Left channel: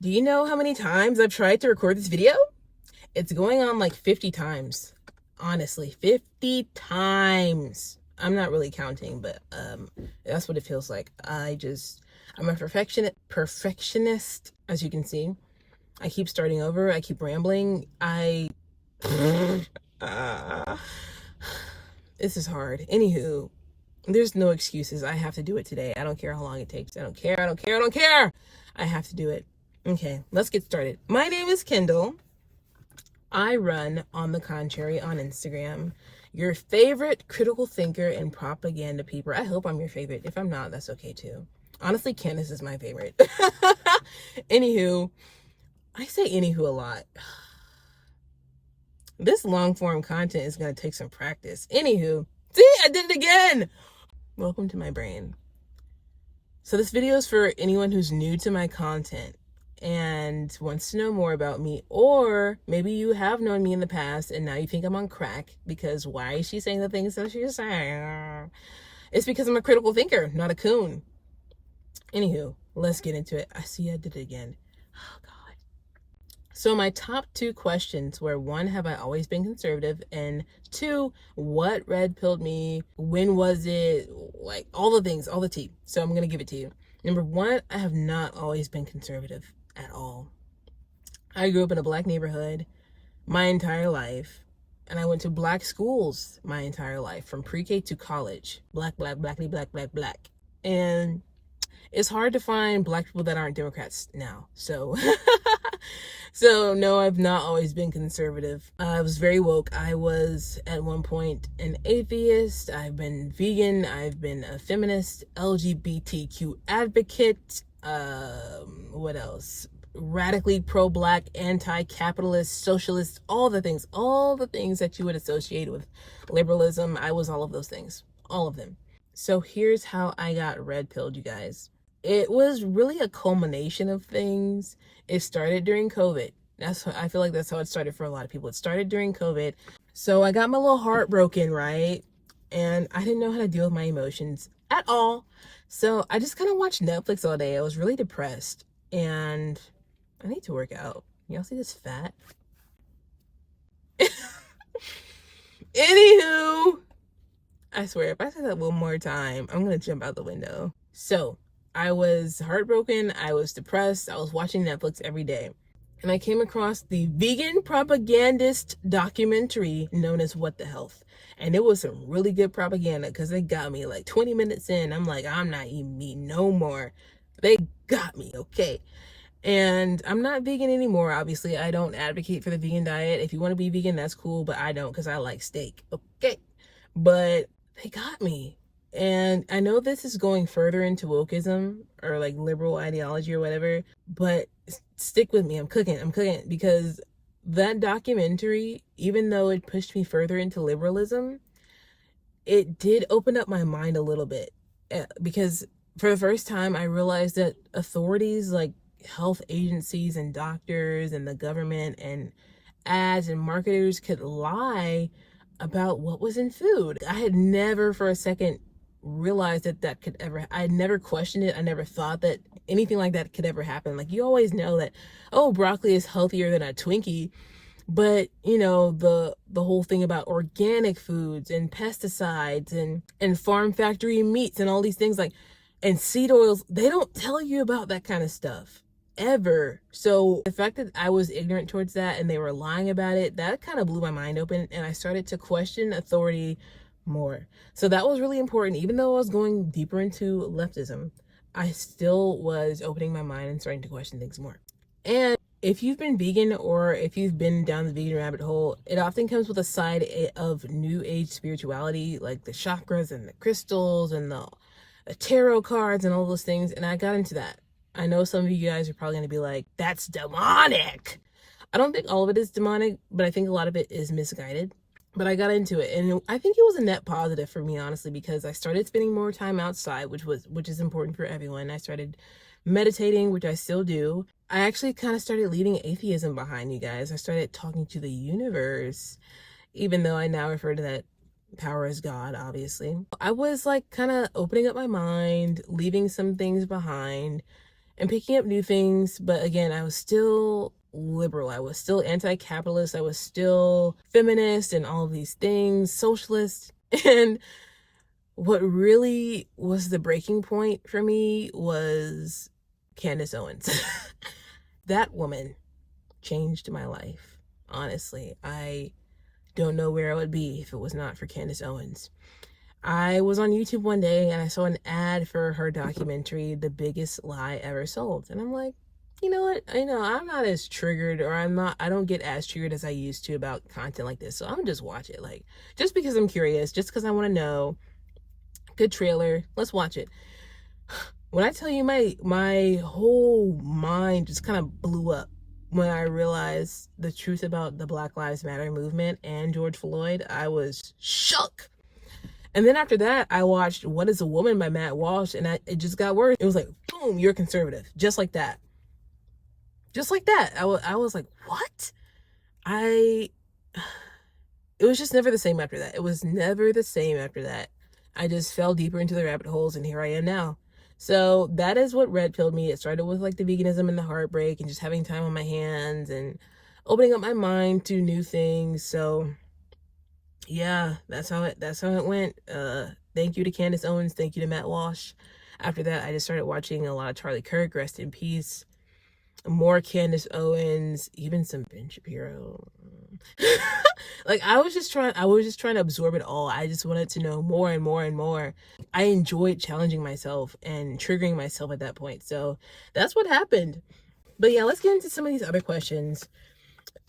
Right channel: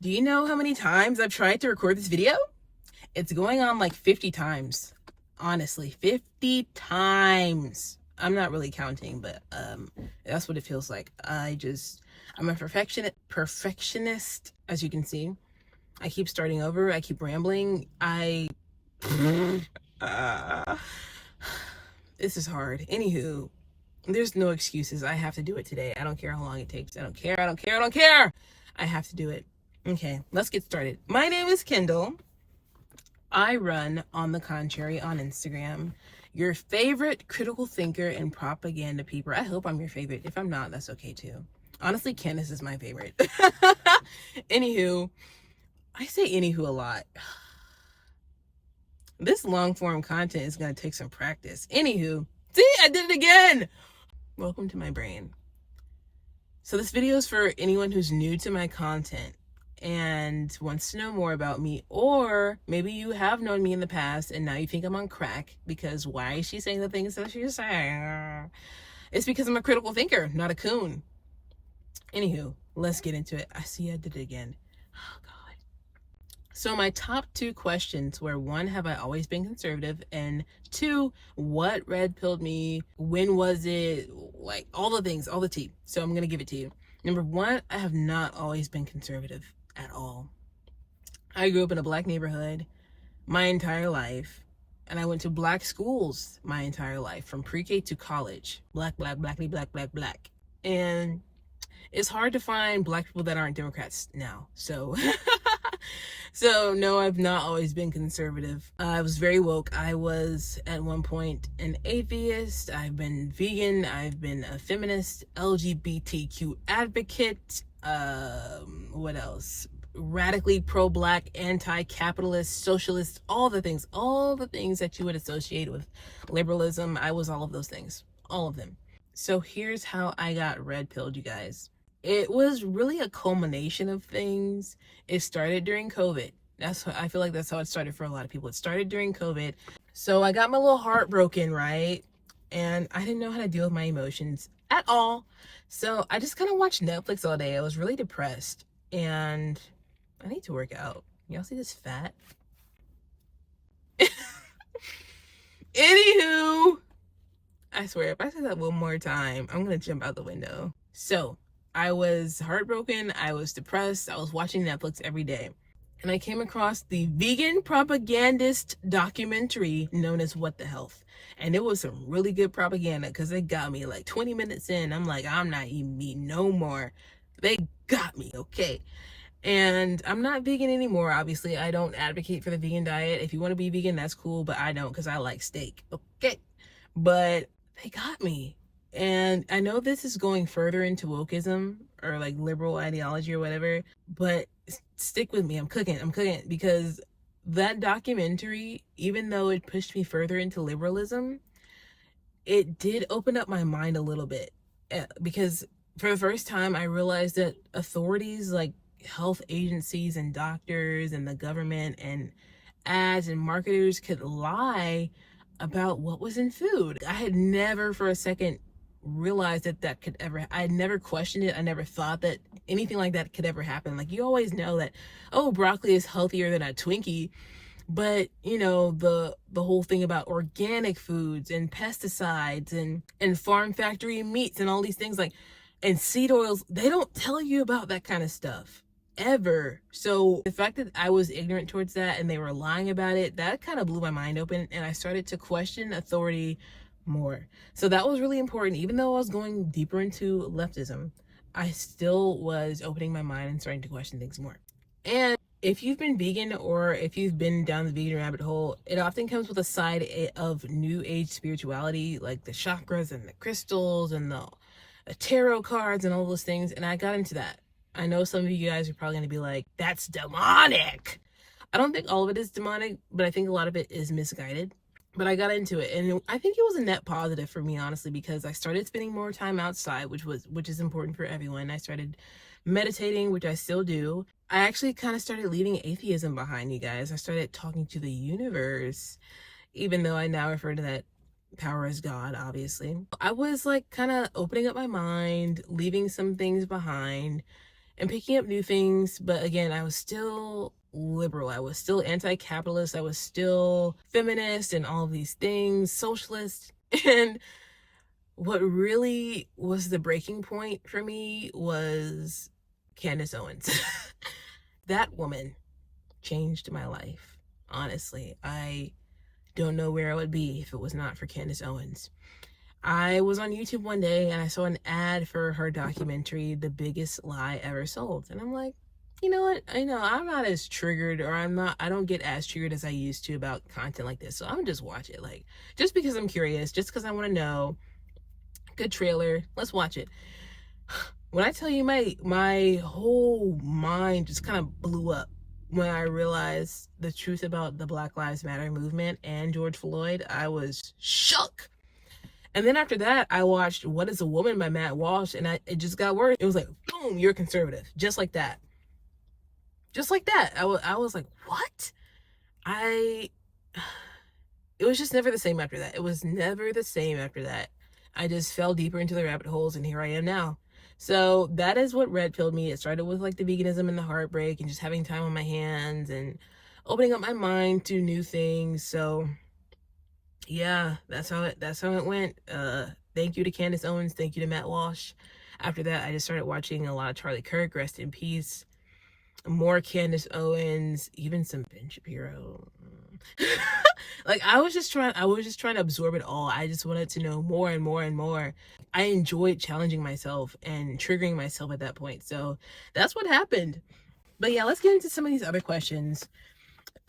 Do you know how many times I've tried to record this video? It's going on like 50 times. Honestly, 50 times. I'm not really counting, but that's what it feels like. I'm a perfectionist, as you can see. I keep starting over. I keep rambling. This is hard. Anywho, there's no excuses. I have to do it today. I don't care how long it takes. I don't care. I don't care. I don't care. I have to do it. Okay, let's get started. My name is Kendall. I run On the Contrary on Instagram. Your favorite critical thinker and propaganda peeper. I hope I'm your favorite. If I'm not, that's okay too. Honestly, Candace is my favorite. Anywho, I say anywho a lot. This long form content is going to take some practice. Anywho, see, I did it again. Welcome to my brain. So this video is for anyone who's new to my content and wants to know more about me, or maybe you have known me in the past and now you think I'm on crack because why is she saying the things that she's saying? It's because I'm a critical thinker, not a coon. Anywho, let's get into it. I see I did it again. Oh God. So my top two questions were, one, have I always been conservative? And two, what red pilled me? When was it? Like all the things, all the tea. So I'm going to give it to you. Number one, I have not always been conservative at all. I grew up in a black neighborhood my entire life, and I went to black schools my entire life, from pre-K to college. Black, blackly, black. And it's hard to find black people that aren't Democrats now. So no, I've not always been conservative. I was very woke. I was at one point an atheist. I've been vegan. I've been a feminist, LGBTQ advocate. What else? Radically pro-black, anti-capitalist, socialist, all the things that you would associate with liberalism. I was all of those things, all of them. So here's how I got red pilled, you guys. It was really a culmination of things. It started during COVID. I feel like that's how it started for a lot of people. It started during COVID. So I got my little heart broken, right? And I didn't know how to deal with my emotions at all. So I just kind of watched Netflix all day. I was really depressed. And I need to work out. Y'all see this fat? Anywho, I swear, if I say that one more time, I'm going to jump out the window. So I was heartbroken. I was depressed. I was watching Netflix every day. And I came across the vegan propagandist documentary known as What the Health. And it was some really good propaganda because they got me like 20 minutes in. I'm like, I'm not eating meat no more. They got me, okay? And I'm not vegan anymore, obviously. I don't advocate for the vegan diet. If you want to be vegan, that's cool, but I don't because I like steak, okay? But they got me. And I know this is going further into wokeism or like liberal ideology or whatever, but stick with me. I'm cooking because that documentary, even though it pushed me further into liberalism, it did open up my mind a little bit, because for the first time I realized that authorities like health agencies and doctors and the government and ads and marketers could lie about what was in food. I had never for a second realized that could ever, I had never questioned it. I never thought that anything like that could ever happen. Like, you always know that, oh, broccoli is healthier than a Twinkie, but you know, the whole thing about organic foods and pesticides and farm factory meats and all these things, like, and seed oils, they don't tell you about that kind of stuff ever. So the fact that I was ignorant towards that and they were lying about it, that kind of blew my mind open, and I started to question authority more. So that was really important. Even though I was going deeper into leftism, I still was opening my mind and starting to question things more. And if you've been vegan, or if you've been down the vegan rabbit hole, it often comes with a side of new age spirituality, like the chakras and the crystals and the tarot cards and all those things. And I got into that. I know some of you guys are probably going to be like, that's demonic. I don't think all of it is demonic, but I think a lot of it is misguided. But I got into it, and I think it was a net positive for me, honestly, because I started spending more time outside, which is important for everyone. I started meditating, which I still do. I actually kind of started leaving atheism behind, you guys. I started talking to the universe, even though I now refer to that power as God, obviously. I was like kind of opening up my mind, leaving some things behind, and picking up new things. But again, I was still liberal. I was still anti-capitalist. I was still feminist and all of these things, socialist. And what really was the breaking point for me was Candace Owens. That woman changed my life. Honestly, I don't know where I would be if it was not for Candace Owens. I was on YouTube one day and I saw an ad for her documentary, The Biggest Lie Ever Sold. And I'm like, you know what? I'm not as triggered, or I don't get as triggered as I used to about content like this. So I'm gonna just watch it. Like, just because I'm curious, just because I want to know. Good trailer. Let's watch it. When I tell you my whole mind just kind of blew up when I realized the truth about the Black Lives Matter movement and George Floyd, I was shook. And then after that, I watched What is a Woman by Matt Walsh, and it just got worse. It was like, boom, you're conservative. Just like that. Just like that. I was like, what? It was just never the same after that. It was never the same after that. I just fell deeper into the rabbit holes, and here I am now. So that is what red pilled me. It started with like the veganism and the heartbreak and just having time on my hands and opening up my mind to new things. So yeah, that's how it went. Thank you to Candace Owens. Thank you to Matt Walsh. After that, I just started watching a lot of Charlie Kirk, rest in peace. More Candace Owens, even some Ben Shapiro. Like I was just trying to absorb it all. I just wanted to know more and more and more. I enjoyed challenging myself and triggering myself at that point. So that's what happened. But yeah, let's get into some of these other questions.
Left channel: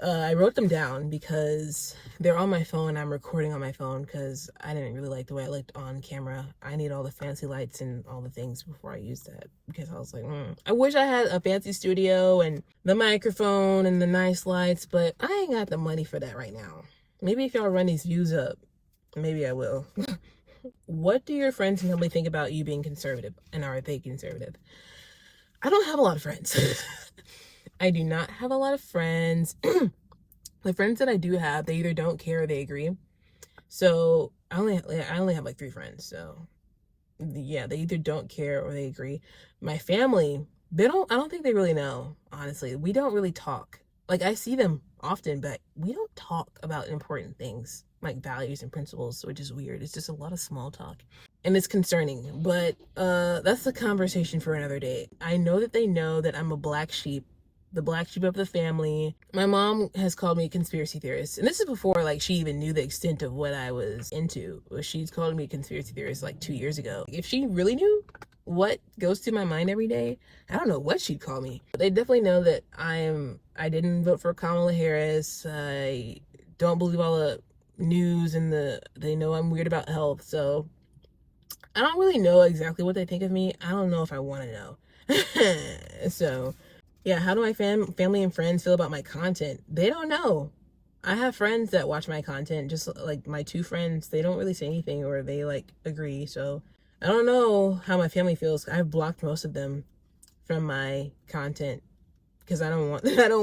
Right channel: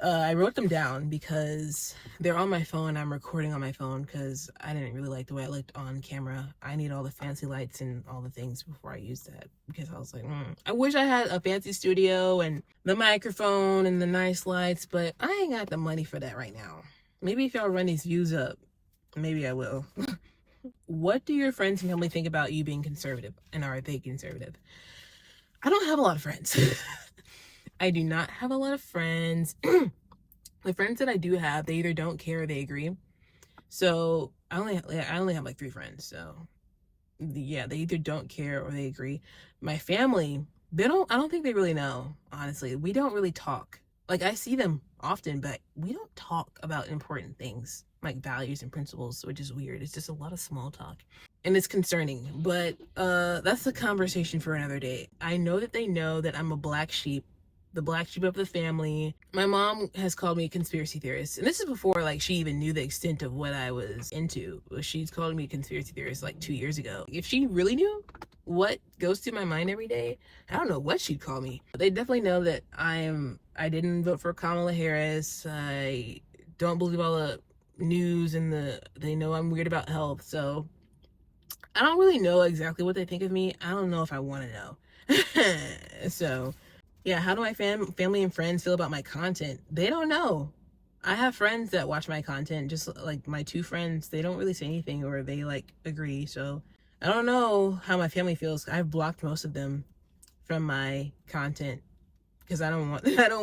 I wrote them down because they're on my phone. I'm recording on my phone because I didn't really like the way I looked on camera. I need all the fancy lights and all the things before I use that, because I was like, I wish I had a fancy studio and the microphone and the nice lights, but I ain't got the money for that right now. Maybe if y'all run these views up, maybe I will. What do your friends and family think about you being conservative, and are they conservative? I don't have a lot of friends. I do not have a lot of friends. The friends that I do have, they either don't care or they agree. So I only have like 3 friends. So yeah, they either don't care or they agree. My family, I don't think they really know, honestly. We don't really talk. Like, I see them often, but we don't talk about important things like values and principles, which is weird. It's just a lot of small talk. And it's concerning, but that's a conversation for another day. I know that they know that I'm a black sheep, the black sheep of the family. My mom has called me a conspiracy theorist, and this is before like she even knew the extent of what I was into. She's called me a conspiracy theorist like 2 years ago. If she really knew what goes through my mind every day, I don't know what she'd call me. They definitely know that I didn't vote for Kamala Harris. I don't believe all the news, and they know I'm weird about health. So I don't really know exactly what they think of me. I don't know if I want to know. So yeah, how do my family and friends feel about my content? They don't know. I have friends that watch my content, just like my 2 friends. They don't really say anything, or they like agree. So I don't know how my family feels. I've blocked most of them from my content because I don't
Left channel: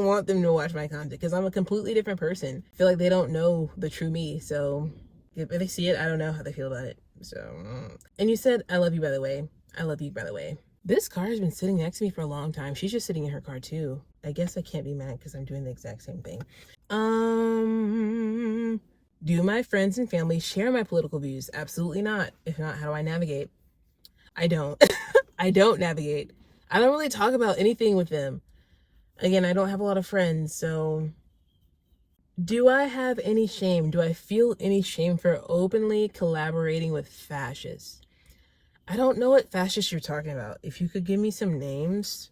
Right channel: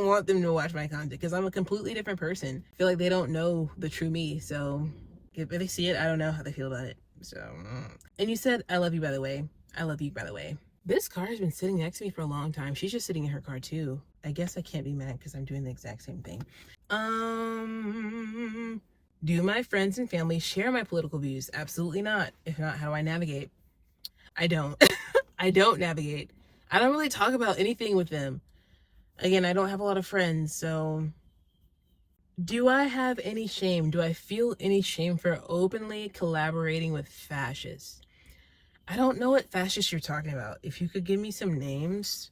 want them to watch my content, because I'm a completely different person. I feel like they don't know the true me. So if they see it, I don't know how they feel about it. So, and you said, I love you, by the way. I love you, by the way. This car has been sitting next to me for a long time. She's just sitting in her car too. I guess I can't be mad because I'm doing the exact same thing. Do my friends and family share my political views? Absolutely not. If not, how do I navigate? I don't. I don't navigate. I don't really talk about anything with them. Again, I don't have a lot of friends, so do I have any shame? Do I feel any shame for openly collaborating with fascists? I don't know what fascists you're talking about. If you could give me some names,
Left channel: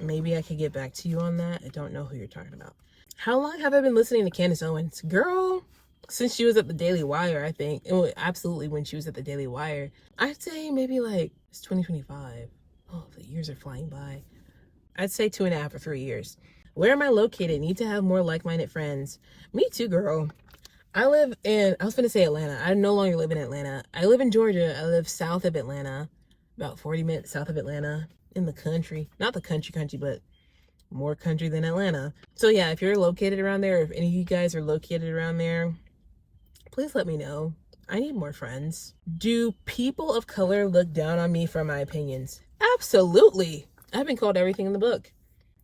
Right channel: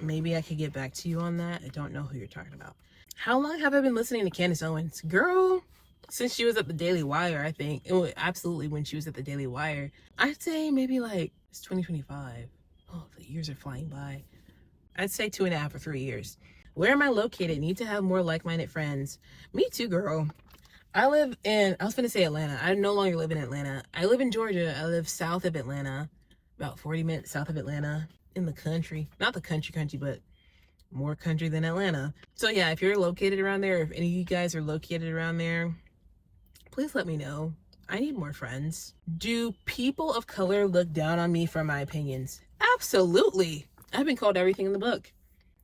maybe I could get back to you on that. I don't know who you're talking about. How long have I been listening to Candace Owens? Girl, since she was at the Daily Wire, I think. Absolutely, when she was at the Daily Wire. I'd say maybe like, it's 2025. Oh, the years are flying by. I'd say 2.5 or 3 years. Where am I located? Need to have more like-minded friends. Me too, girl. I was going to say Atlanta. I no longer live in Atlanta. I live in Georgia. I live south of Atlanta, about 40 minutes south of Atlanta, in the country. Not the country, but more country than Atlanta. So yeah, if you're located around there, if any of you guys are located around there, please let me know. I need more friends. Do people of color look down on me for my opinions? Absolutely. I've been called everything in the book.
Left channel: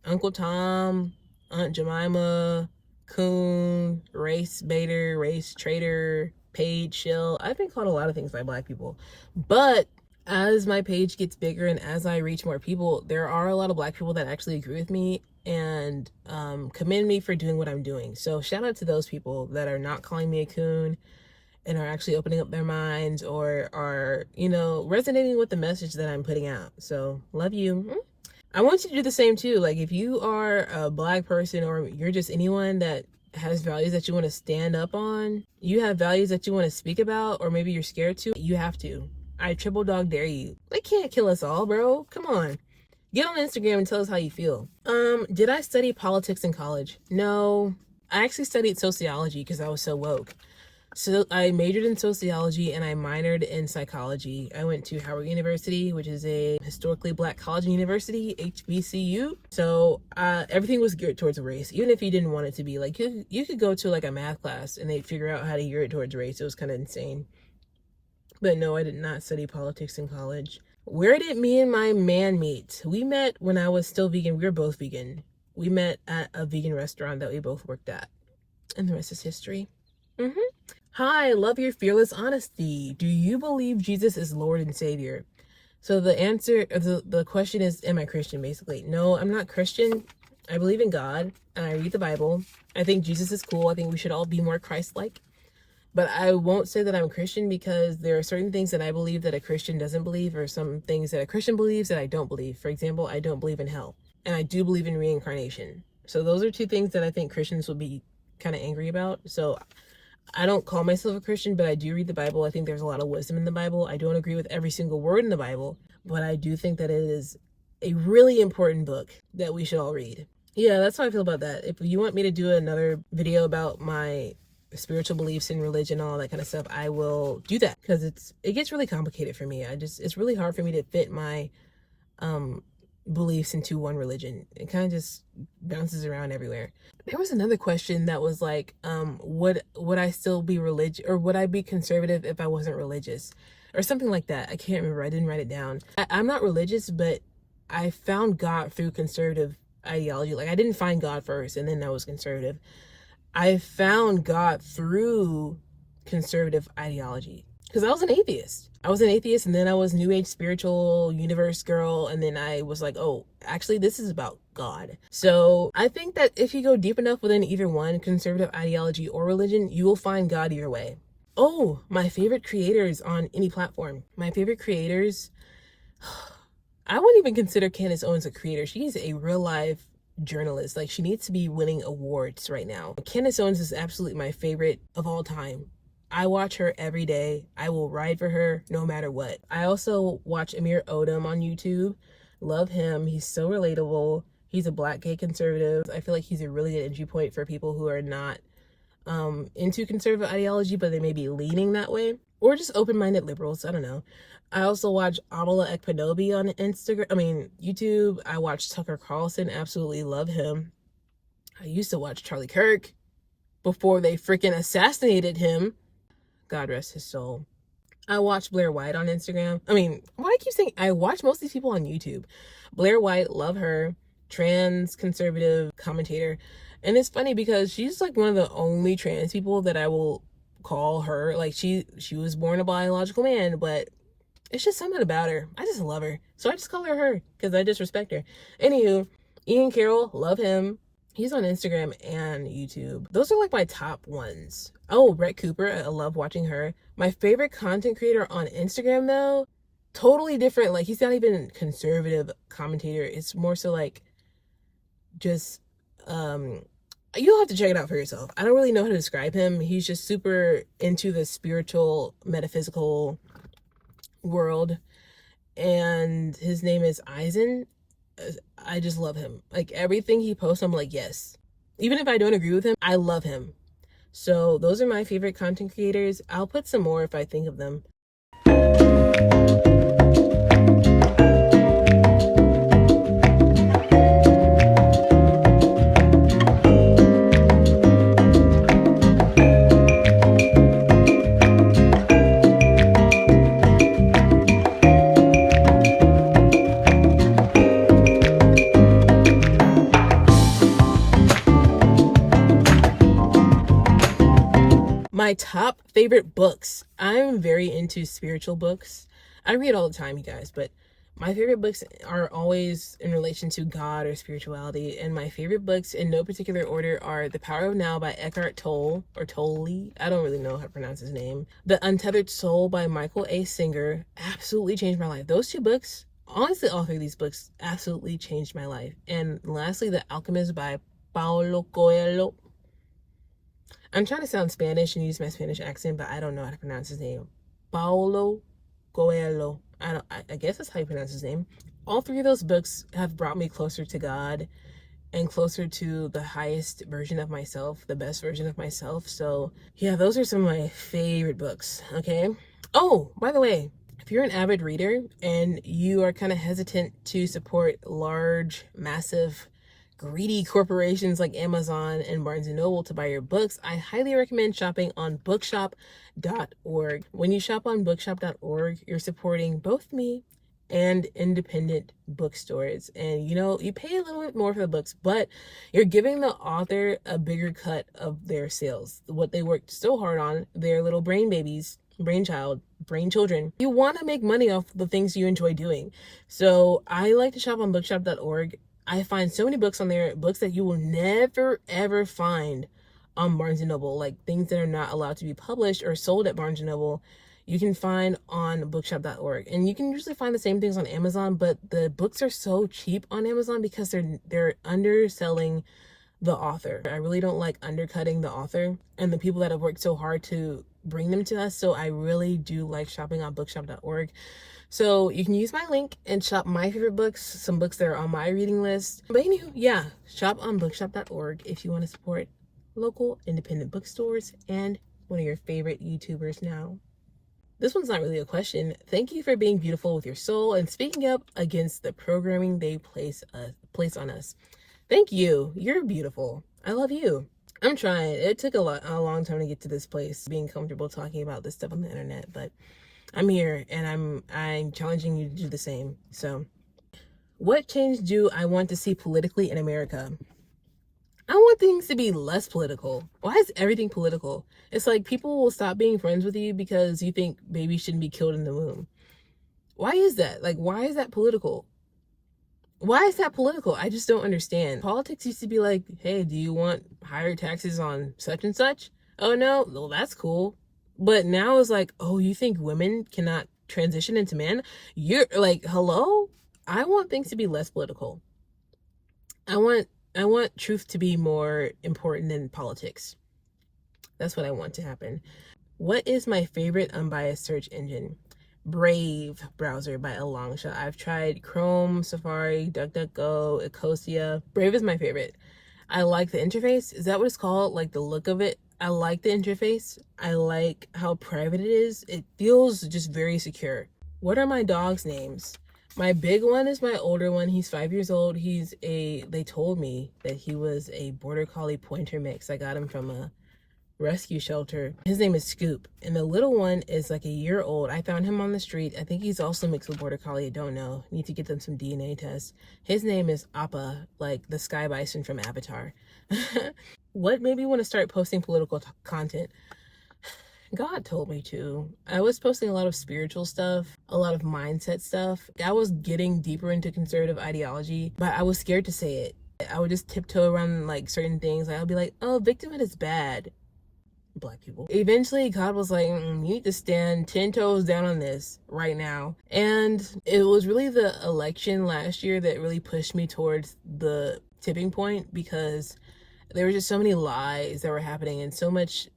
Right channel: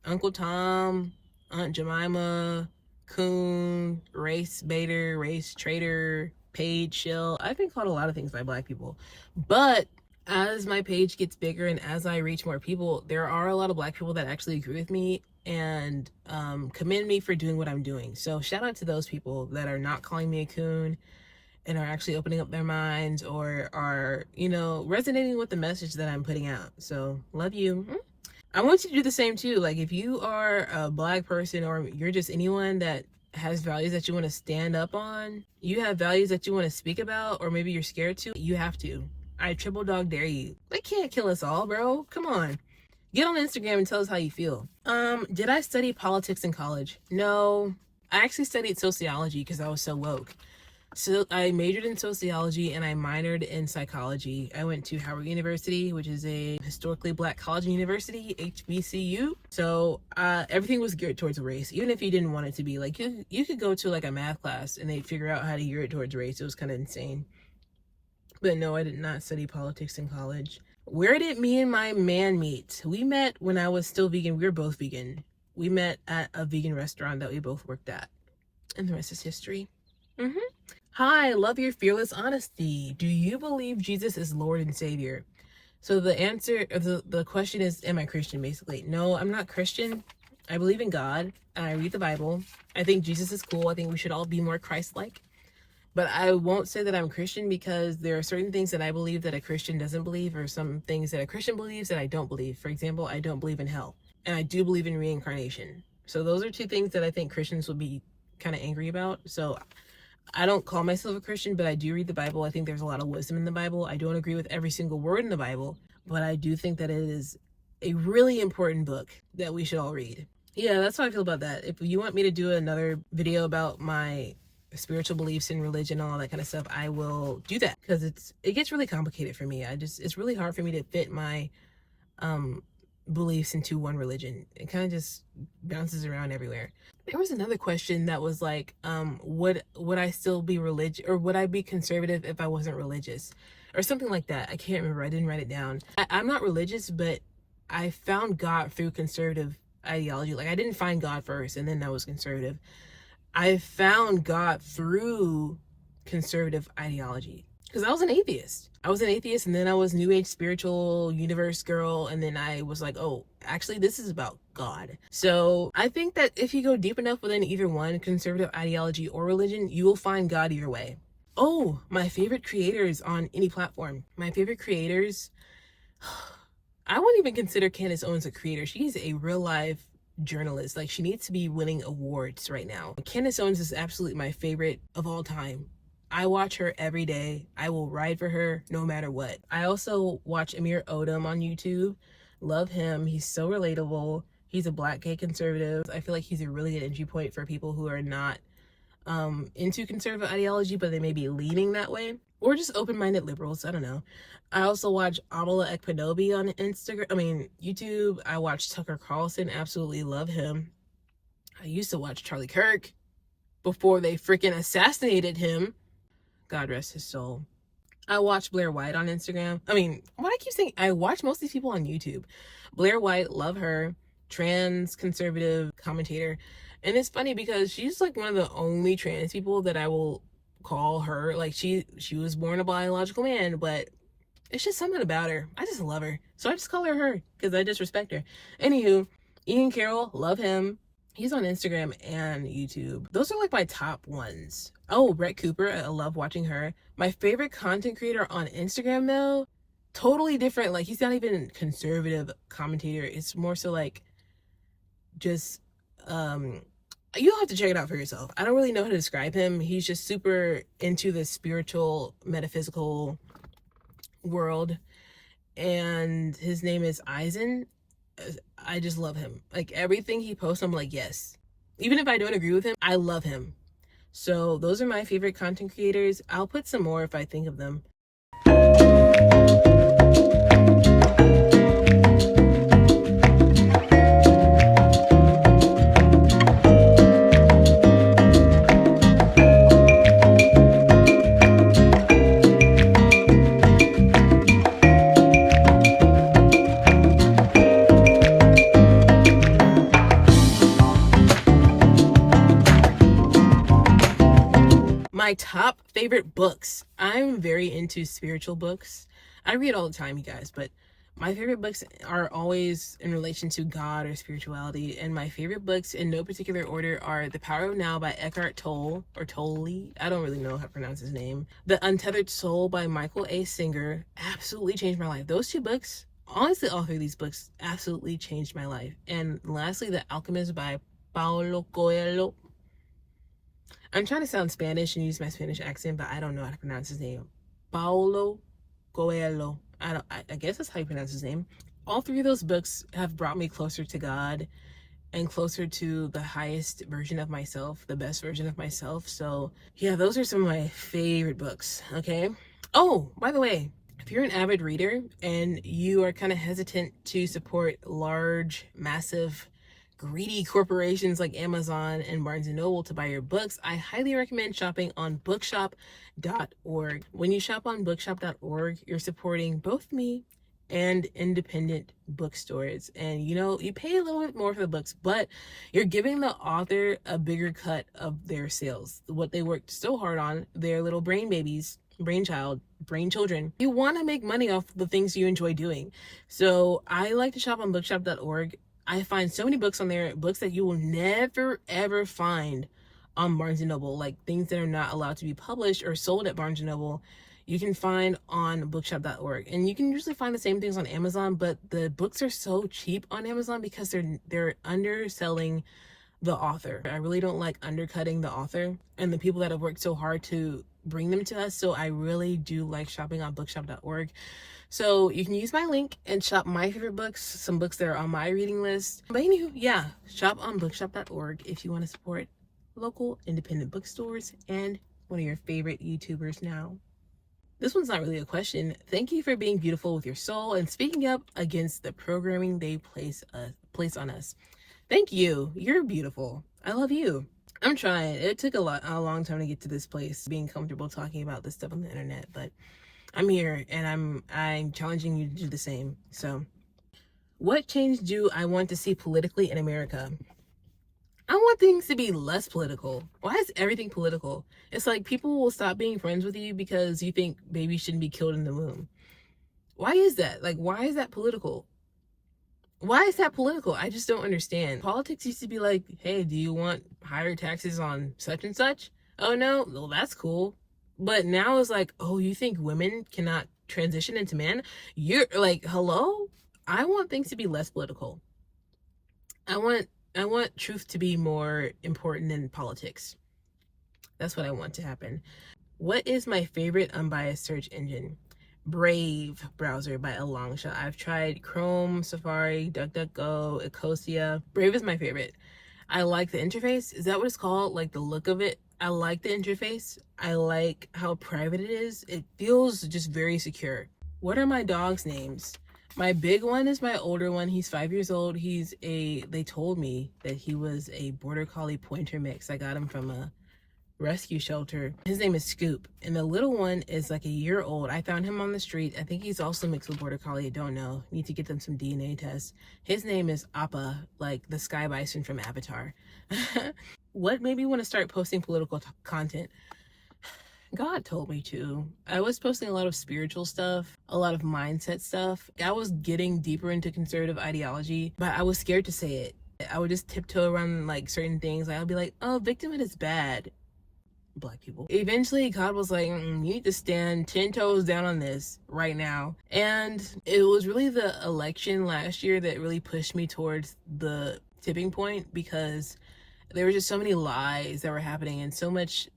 Uncle Tom, Aunt Jemima, coon, race baiter, race traitor, page shill. I've been called a lot of things by Black people. But as my page gets bigger and as I reach more people, there are a lot of Black people that actually agree with me and commend me for doing what I'm doing. So shout out to those people that are not calling me a coon and are actually opening up their minds or are, resonating with the message that I'm putting out. So love you. I want you to do the same too. Like, if you are a Black person or you're just anyone that has values that you want to stand up on, you have values that you want to speak about, or maybe you're scared to, you have to. I triple dog dare you. They can't kill us all, bro. Come on. Get on Instagram and tell us how you feel. Did I study politics in college? No. I actually studied sociology because I was so woke. So I majored in sociology and I minored in psychology. I went to Howard University, which is a historically Black college and university, HBCU. So everything was geared towards race, even if you didn't want it to be. Like, you could go to like a math class and they'd figure out how to gear it towards race. It was kind of insane. But no, I did not study politics in college. Where did me and my man meet? We met when I was still vegan. We were both vegan. We met at a vegan restaurant that we both worked at. And the rest is history. Hi, love your fearless honesty. Do you believe Jesus is Lord and Savior? So the answer, the question is, am I Christian, basically? No, I'm not Christian. I believe in God. And I read the Bible. I think Jesus is cool. I think we should all be more Christ-like. But I won't say that I'm Christian because there are certain things that I believe that a Christian doesn't believe, or some things that a Christian believes that I don't believe. For example, I don't believe in hell. And I do believe in reincarnation. So those are two things that I think Christians would be kind of angry about. So I don't call myself a Christian, but I do read the Bible. I think there's a lot of wisdom in the Bible. I don't agree with every single word in the Bible, but I do think that it is a really important book that we should all read. Yeah, that's how I feel about that. If you want me to do another video about my spiritual beliefs and religion and all that kind of stuff, I will do that, because it gets really complicated for me. It's really hard for me to fit my beliefs into one religion. It kind of just bounces around everywhere. There was another question that was like, would I still be religious, or would I be conservative if I wasn't religious, or something like that. I can't remember. I didn't write it down. I'm not religious, but I found God through conservative ideology. Like, I didn't find God first and then I was conservative. I found God through conservative ideology because I was an atheist. And then I was New Age spiritual universe girl, and then I was like, oh, actually this is about God. So I think that if you go deep enough within either one, conservative ideology or religion, you will find God either way. Oh, my favorite creators on any platform. My favorite creators, I wouldn't even consider Candace Owens a creator. She is a real life journalist. Like, she needs to be winning awards right now. Candace Owens is absolutely my favorite of all time. I watch her every day. I will ride for her no matter what. I also watch Amir Odom on YouTube. Love him. He's so relatable. He's a Black gay conservative. I feel like he's a really good entry point for people who are not into conservative ideology, but they may be leaning that way, or just open-minded liberals. I don't know. I also watch Amala Ekpanobi on YouTube. I watch Tucker Carlson. Absolutely love him. I used to watch Charlie Kirk before they freaking assassinated him. God rest his soul. I watch Blair White on Instagram. Why do I keep saying I watch most of these people on YouTube? Blair White, love her. Trans conservative commentator. And it's funny because she's like one of the only trans people that I will call her. Like, she was born a biological man, but it's just something about her. I just love her. So I just call her because I just respect her. Anywho, Ian Carroll, love him. He's on Instagram and YouTube. Those are like my top ones. Oh, Brett Cooper, I love watching her. My favorite content creator on Instagram, though, totally different. Like, he's not even conservative commentator. It's more so like just, you'll have to check it out for yourself. I don't really know how to describe him. He's just super into the spiritual, metaphysical world. And his name is Eisen. I just love him. Like, everything he posts, I'm like, yes. Even if I don't agree with him, I love him. So those are my favorite content creators. I'll put some more if I think of them. My top favorite books. I'm very into spiritual books. I read all the time, you guys, but my favorite books are always in relation to God or spirituality. And my favorite books, in no particular order, are The Power of Now by Eckhart Tolle, or Tolle. I don't really know how to pronounce his name. The Untethered Soul by Michael A. Singer absolutely changed my life. Those two books, honestly, all three of these books absolutely changed my life. And lastly, The Alchemist by Paulo Coelho. I'm trying to sound Spanish and use my Spanish accent, but I don't know how to pronounce his name. Paulo Coelho. I guess that's how you pronounce his name. All three of those books have brought me closer to God and closer to the highest version of myself, the best version of myself. So, yeah, those are some of my favorite books, okay? Oh, by the way, if you're an avid reader and you are kind of hesitant to support large, massive, greedy corporations like Amazon and Barnes and Noble to buy your books, I highly recommend shopping on bookshop.org. When you shop on bookshop.org, you're supporting both me and independent bookstores. And you pay a little bit more for the books, but you're giving the author a bigger cut of their sales. What they worked so hard on, their little brain children. You want to make money off the things you enjoy doing. So I like to shop on bookshop.org. I find so many books on there, books that you will never ever find on Barnes & Noble, like things that are not allowed to be published or sold at Barnes & Noble. You can find on bookshop.org, and you can usually find the same things on Amazon, but the books are so cheap on Amazon because they're underselling the author. I really don't like undercutting the author and the people that have worked so hard to bring them to us. So I really do like shopping on bookshop.org. So you can use my link and shop my favorite books, some books that are on my reading list. But anywho, yeah, shop on bookshop.org if you want to support local independent bookstores and one of your favorite YouTubers now. This one's not really a question. Thank you for being beautiful with your soul and speaking up against the programming they place on us. Thank you. You're beautiful. I love you. I'm trying. It took a long time to get to this place, being comfortable talking about this stuff on the internet, but I'm here and I'm challenging you to do the same. So, what change do I want to see politically in America? I want things to be less political. Why is everything political? It's like people will stop being friends with you because you think babies shouldn't be killed in the womb. Why is that? Like, why is that political? Why is that political? I just don't understand. Politics used to be like, hey, do you want higher taxes on such and such? Oh no, well, that's cool. But now it's like, oh, you think women cannot transition into men? You're like, hello? I want things to be less political. I want truth to be more important than politics. That's what I want to happen. What is my favorite unbiased search engine? Brave browser by a long shot. I've tried Chrome, Safari, DuckDuckGo, Ecosia. Brave is my favorite. I like the interface. Is that what it's called? Like the look of it. I like the interface. I like how private it is. It feels just very secure. What are my dogs' names? My big one is my older one. He's 5 years old. They told me that he was a border collie pointer mix. I got him from a rescue shelter. His name is Scoop, and the little one is like a year old. I found him on the street. I think he's also mixed with border collie. I don't know. Need to get them some DNA tests. His name is Appa, like the sky bison from Avatar. What made me want to start posting political content? God told me to. I was posting a lot of spiritual stuff, a lot of mindset stuff. I was getting deeper into conservative ideology, but I was scared to say it. I would just tiptoe around like certain things. Like, I'll be like, oh, victimhood is bad. Black people. Eventually, God was like, you need to stand 10 toes down on this right now. And it was really the election last year that really pushed me towards the tipping point, because there were just so many lies that were happening and so much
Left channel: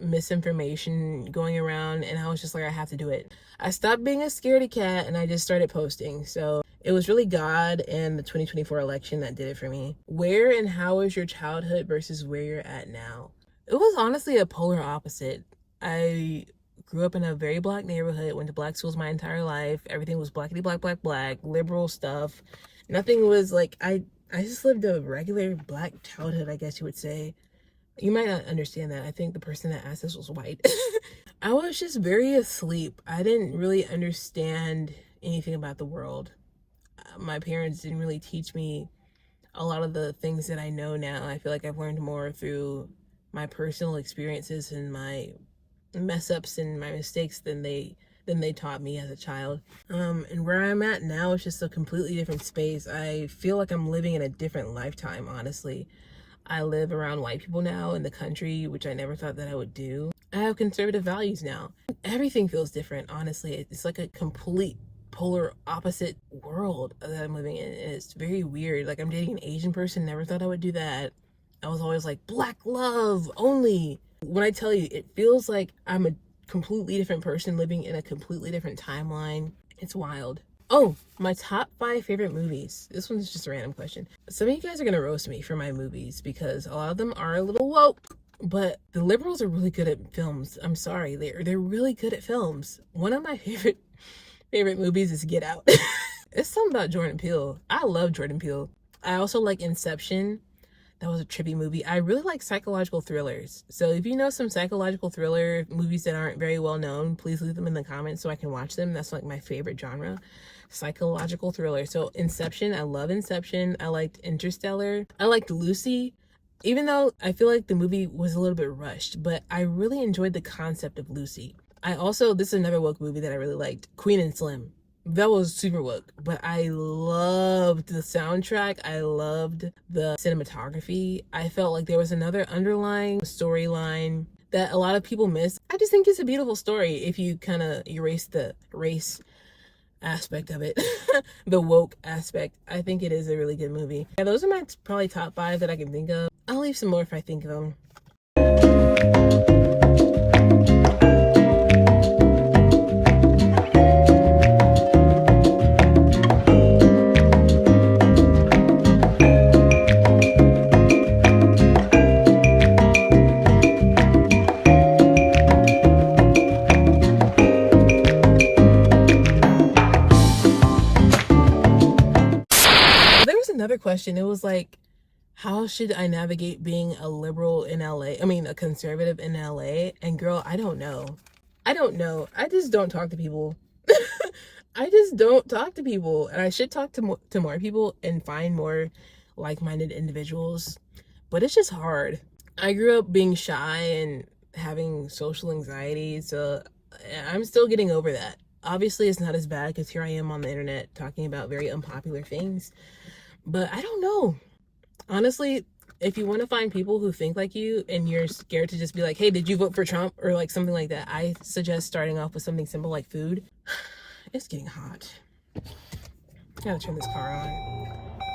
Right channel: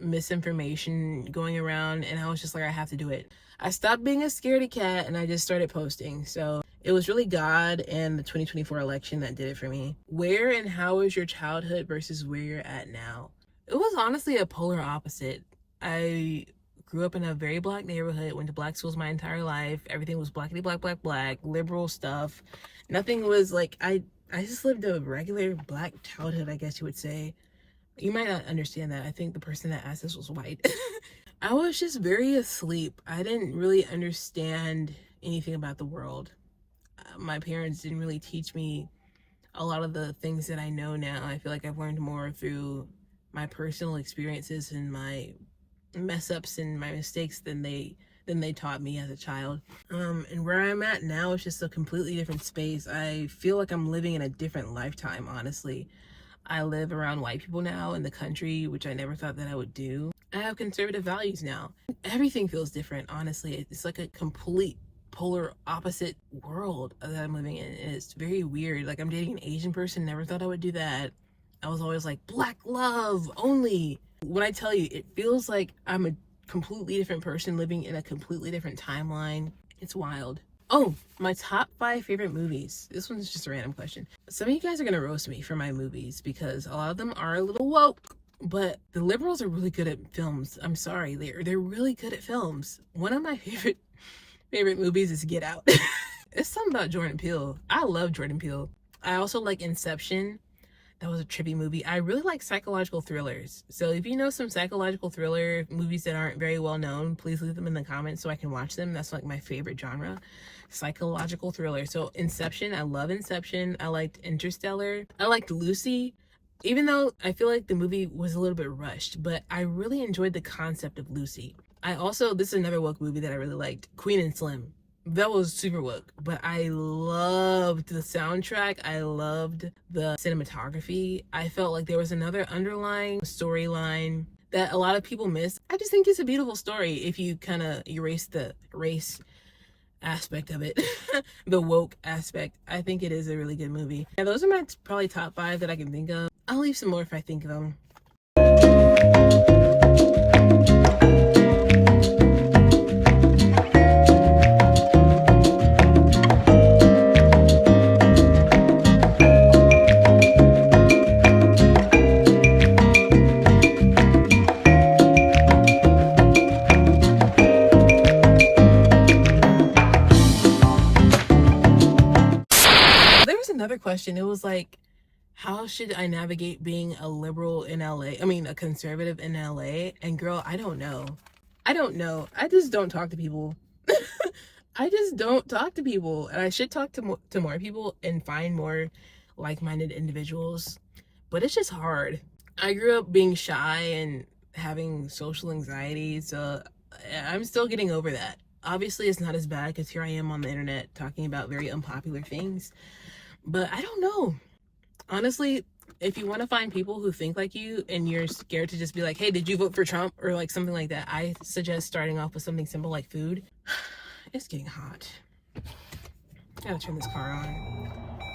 misinformation going around, and I was just like, I have to do it. I stopped being a scaredy cat and I just started posting. So it was really God and the 2024 election that did it for me. Where and how is your childhood versus where you're at now? It was honestly a polar opposite. I grew up in a very black neighborhood, went to black schools my entire life. Everything was blackity black, liberal stuff. Nothing was like, I just lived a regular black childhood, I guess you would say. You might not understand that. I think the person that asked this was white. I was just very asleep. I didn't really understand anything about the world. My parents didn't really teach me a lot of the things that I know now. I feel like I've learned more through my personal experiences and my mess ups and my mistakes than they taught me as a child. And where I'm at now is just a completely different space. I feel like I'm living in a different lifetime, honestly. I live around white people now in the country, which I never thought that I would do. I have conservative values now. Everything feels different, honestly. It's like a complete polar opposite world that I'm living in. And it's very weird. Like, I'm dating an Asian person, never thought I would do that. I was always like, black love only. When I tell you, it feels like I'm a completely different person living in a completely different timeline. It's wild. Oh, my top 5 favorite movies. This one's just a random question. Some of you guys are gonna roast me for my movies because a lot of them are a little woke, but the liberals are really good at films. I'm sorry, they're really good at films. One of my favorite movies is Get Out. It's something about Jordan Peele. I love Jordan Peele. I also like Inception. That was a trippy movie. I really like psychological thrillers. So if you know some psychological thriller movies that aren't very well known, please leave them in the comments so I can watch them. That's like my favorite genre, psychological thriller. So Inception, I love Inception. I liked Interstellar. I liked Lucy, even though I feel like the movie was a little bit rushed, but I really enjoyed the concept of Lucy. This is another woke movie that I really liked, Queen and Slim. That was super woke, but I loved the soundtrack. I loved the cinematography. I felt like there was another underlying storyline that a lot of people miss. I just think it's a beautiful story if you kind of erase the race aspect of it, the woke aspect. I think it is a really good movie. Yeah, those are my probably top 5 that I can think of. I'll leave some more if I think of them. Another question, it was like, how should I navigate being a liberal in LA? I mean, a conservative in LA? And girl, I don't know. I just don't talk to people. I just don't talk to people, and I should talk to more people and find more like-minded individuals, but it's just hard. I grew up being shy and having social anxiety, so I'm still getting over that. Obviously, it's not as bad because here I am on the internet talking about very unpopular things. But I don't know. Honestly, if you want to find people who think like you and you're scared to just be like, hey, did you vote for Trump? Or like something like that, I suggest starting off with something simple like food. It's getting hot. Gotta turn this car on.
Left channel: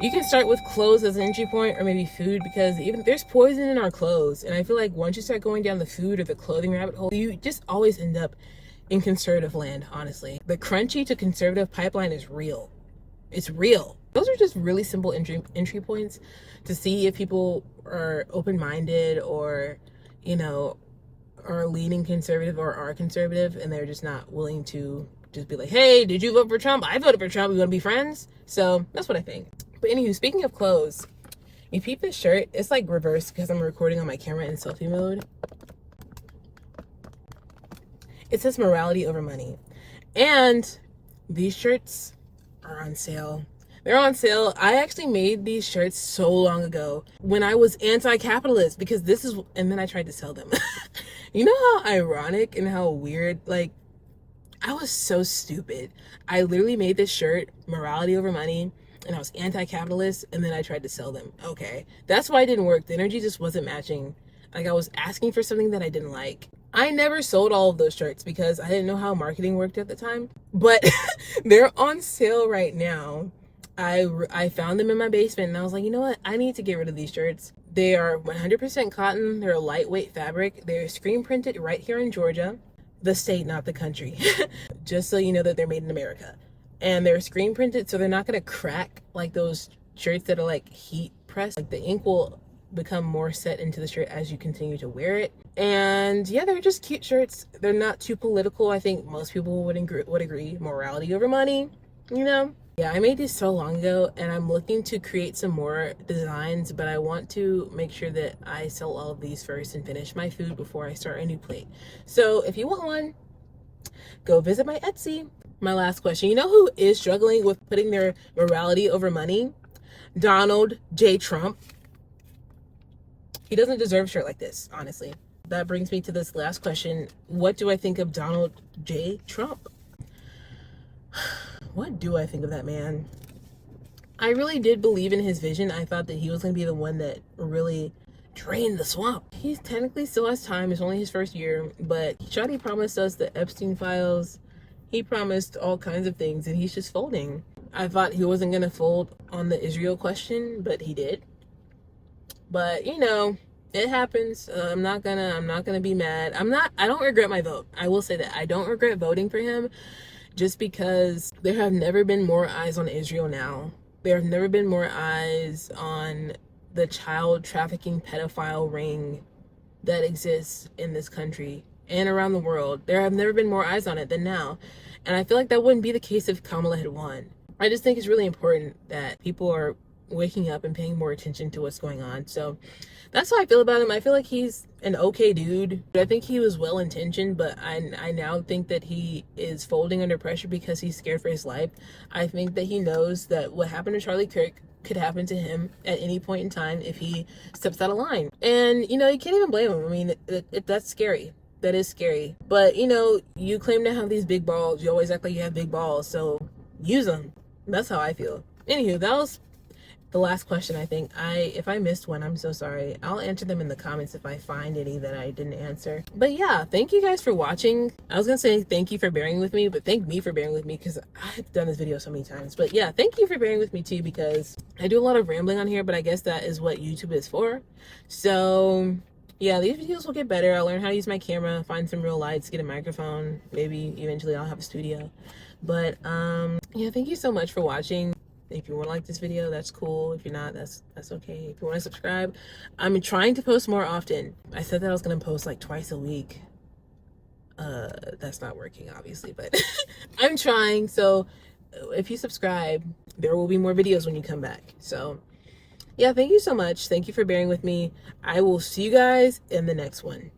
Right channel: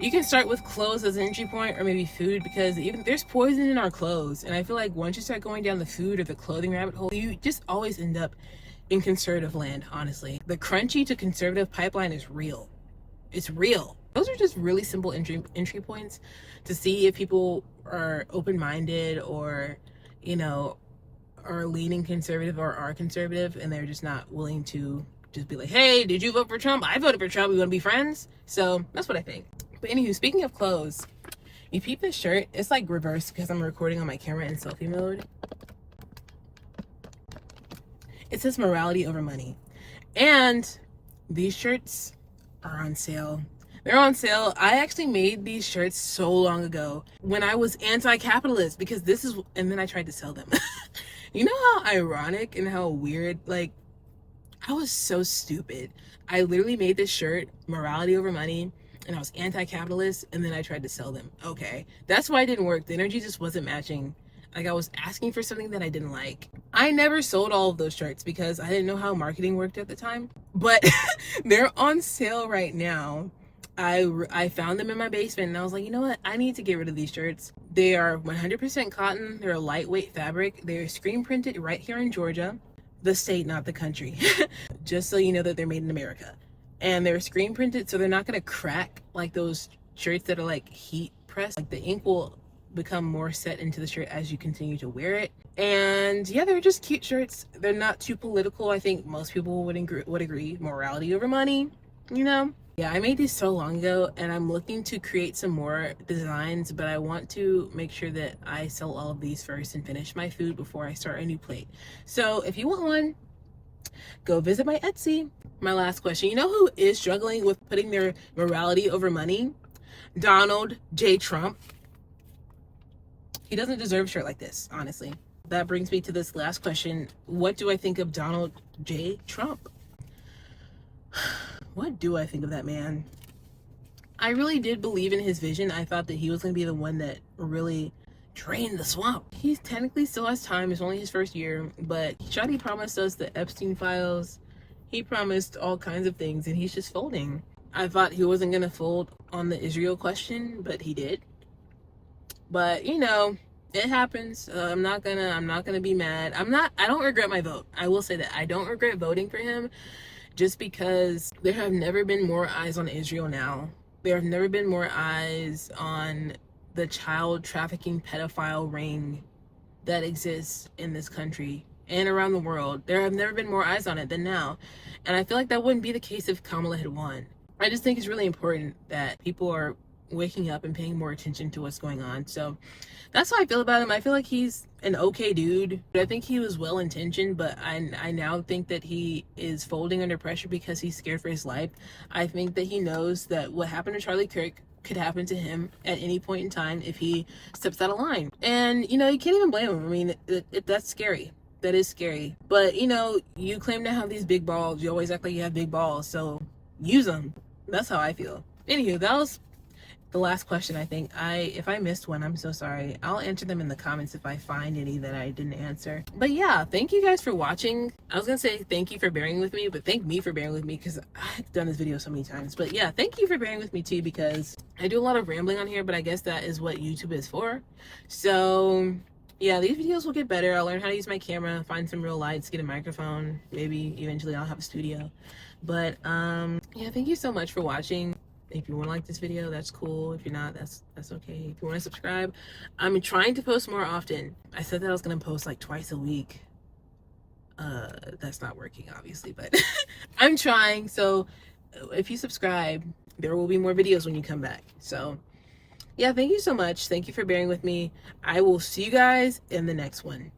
You can start with clothes as an entry point, or maybe food, because even there's poison in our clothes. And I feel like once you start going down the food or the clothing rabbit hole, you just always end up in conservative land, honestly. The crunchy to conservative pipeline is real. It's real. Those are just really simple entry points to see if people are open-minded or, you know, are leaning conservative or are conservative, and they're just not willing to just be like, hey, did you vote for Trump? I voted for Trump. We want to be friends? So that's what I think. But anywho, speaking of clothes, you peep this shirt. It's like reversed because I'm recording on my camera in selfie mode. It says morality over money. And these shirts are on sale. They're on sale. I actually made these shirts so long ago when I was anti-capitalist, because and then I tried to sell them. You know how ironic and how weird, like, I was so stupid. I literally made this shirt, morality over money, and I was anti-capitalist, and then I tried to sell them. Okay, that's why it didn't work. The energy just wasn't matching. Like, I was asking for something that I didn't like. I never sold all of those shirts because I didn't know how marketing worked at the time. But they're on sale right now. I found them in my basement, and I was like, you know what? I need to get rid of these shirts. They are 100% cotton. They're a lightweight fabric. They're screen printed right here in Georgia. The state, not the country. Just so you know that they're made in America. And they're screen printed, so they're not going to crack like those shirts that are like heat pressed. Like, the ink will become more set into the shirt as you continue to wear it. And yeah, they're just cute shirts. They're not too political. I think most people would agree. Morality over money, you know? Yeah, I made these so long ago, and I'm looking to create some more designs, but I want to make sure that I sell all of these first and finish my food before I start a new plate. So if you want one, go visit my Etsy. My last question, you know who is struggling with putting their morality over money? Donald J. Trump. He doesn't deserve a shirt like this, honestly. that brings me to this last question. What do I think of Donald J. Trump? What do I think of that man? I really did believe in his vision. I thought that he was going to be the one that really drained the swamp. He technically still has time. It's only his first year, but Shadi promised us the Epstein files. He promised all kinds of things, and he's just folding. I thought he wasn't going to fold on the Israel question, but he did. But, you know, it happens. I'm not gonna be mad. I don't regret my vote. I will say that I don't regret voting for him, just because there have never been more eyes on Israel now. There have never been more eyes on the child trafficking pedophile ring that exists in this country and around the world. There have never been more eyes on it than now. And I feel like that wouldn't be the case if Kamala had won. I just think it's really important that people are waking up and paying more attention to what's going on. So that's how I feel about him. I feel like he's an okay dude. I think he was well intentioned, but I now think that he is folding under pressure because he's scared for his life. I think that he knows that what happened to Charlie Kirk could happen to him at any point in time if he steps out of line. And, you know, you can't even blame him. I mean, that's scary. That is scary. But, you know, you claim to have these big balls. You always act like you have big balls. So use them. That's how I feel. Anywho, that was the last question. I think if I missed one, I'm so sorry. I'll answer them in the comments if I find any that I didn't answer. But yeah, thank you guys for watching. I was gonna say thank you for bearing with me, but thank me for bearing with me because I've done this video so many times. But yeah, thank you for bearing with me too, because I do a lot of rambling on here, but I guess that is what YouTube is for. So yeah, these videos will get better. I'll learn how to use my camera, find some real lights, get a microphone. Maybe eventually I'll have a studio. But yeah, thank you so much for watching. If you want to like this video, that's cool. If you're not, that's okay. If you want to subscribe, I'm trying to post more often. I said that I was going to post like twice a week. That's not working, obviously, but I'm trying. So if you subscribe, there will be more videos when you come back. So yeah, thank you so much. Thank you for bearing with me. I will see you guys in the next one.